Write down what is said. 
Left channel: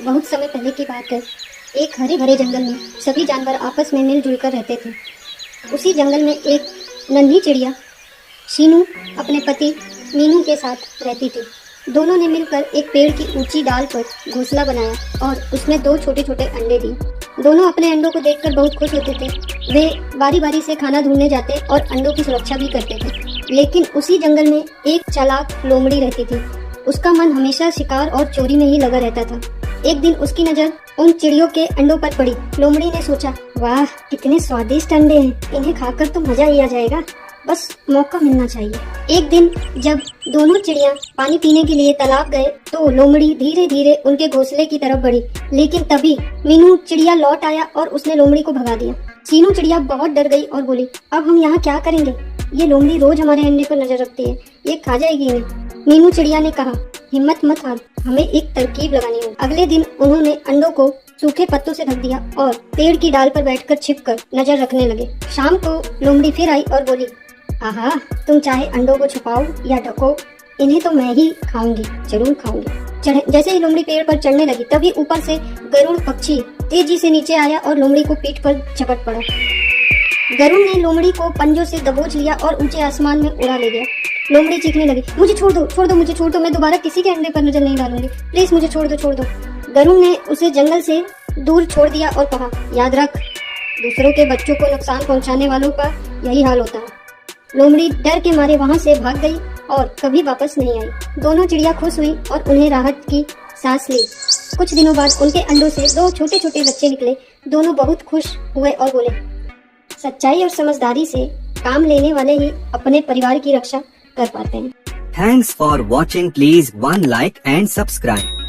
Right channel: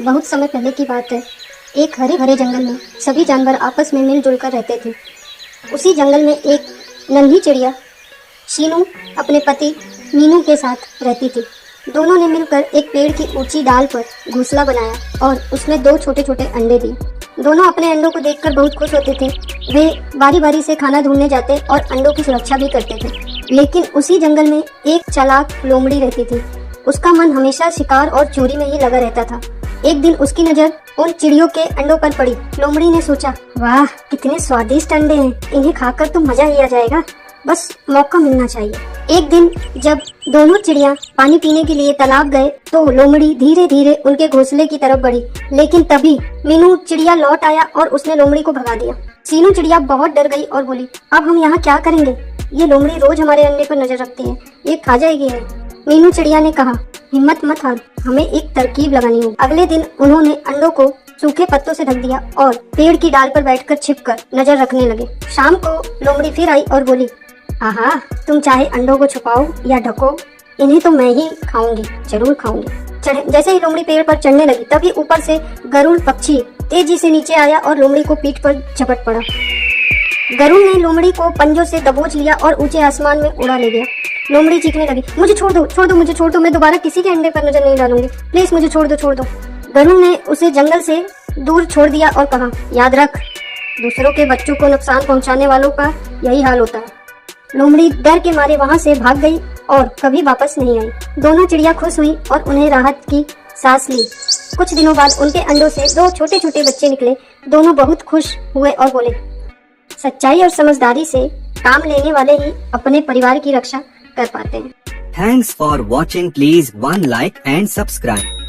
बहुत समय पहले की बात है। एक हरे भरे जंगल में सभी जानवर आपस में मिलजुल कर रहते थे। उसी जंगल में एक नन्ही चिड़िया शीनू अपने पति मीनू के साथ रहती थी। दोनों ने मिलकर एक पेड़ की ऊंची डाल पर घोंसला बनाया और उसमें 2 छोटे छोटे अंडे दिए। दोनों अपने अंडों को देखकर बहुत खुश होते थे। वे बारी बारी से खाना ढूंढने जाते और अंडों की सुरक्षा भी करते थे। लेकिन उसी जंगल में एक चालाक लोमड़ी रहती थी। उसका मन हमेशा शिकार और चोरी में ही लगा रहता था। एक दिन उसकी नजर उन चिड़ियों के अंडों पर पड़ी। लोमड़ी ने सोचा, वाह कितने स्वादिष्ट अंडे हैं, इन्हें खाकर तो मजा ही आ जाएगा, बस मौका मिलना चाहिए। एक दिन जब दोनों चिड़िया पानी पीने के लिए तालाब गए तो लोमड़ी धीरे धीरे उनके घोंसले की तरफ बढ़ी। लेकिन तभी मीनू चिड़िया लौट आया और उसने लोमड़ी को भगा दिया। शीनू चिड़िया बहुत डर गई और बोली, अब हम यहाँ क्या करेंगे? ये लोमड़ी रोज हमारे अंडे पर नजर रखती है, ये खा जाएगी इन्हें। मीनू चिड़िया ने कहा, हिम्मत मत हार, हमें एक तरकीब लगानी होगी। अगले दिन उन्होंने अंडों को सूखे पत्तों से ढक दिया और पेड़ की डाल पर बैठकर छिपकर नजर रखने लगे। शाम को लोमड़ी फिर आई और बोली, आहा, तुम चाहे अंडों को छुपाओ या ढको, इन्हें तो मैं ही खाऊंगी, जरूर खाऊंगी। जैसे ही लोमड़ी पेड़ पर चढ़ने लगी तभी ऊपर से गरुड़ पक्षी तेजी से नीचे आया और लोमड़ी को पीठ पर झपट पड़ा। गरुड़ ने लोमड़ी को पंजों से दबोच लिया और ऊंचे आसमान में उड़ा ले गया। लोमड़ी चीखने लगी, मुझे छोड़ दो, छोड़ दो, मुझे छोड़ दो, मैं दोबारा किसी के अंडे पर नजर नहीं डालूंगी, प्लीज मुझे छोड़ दो, छोड़ दो। गरुड़ ने उसे जंगल से दूर छोड़ दिया और कहा, याद रख, दूसरों के बच्चों को नुकसान पहुंचाने वालों का यही हाल होता है। लोमड़ी डर के मारे वहां से भाग गई और कभी वापस नहीं आई। दोनों चिड़िया खुश हुई और उन्हें राहत की सांस ली। कुछ दिनों बाद उनके अंडों से 2 छोटे छोटे बच्चे निकले। दोनों बहुत खुश हुए और बोले, सच्चाई और समझदारी से काम लेने वाले ही अपने परिवार की रक्षा कर पाते हैं। Thanks for watching. Please one like and subscribe.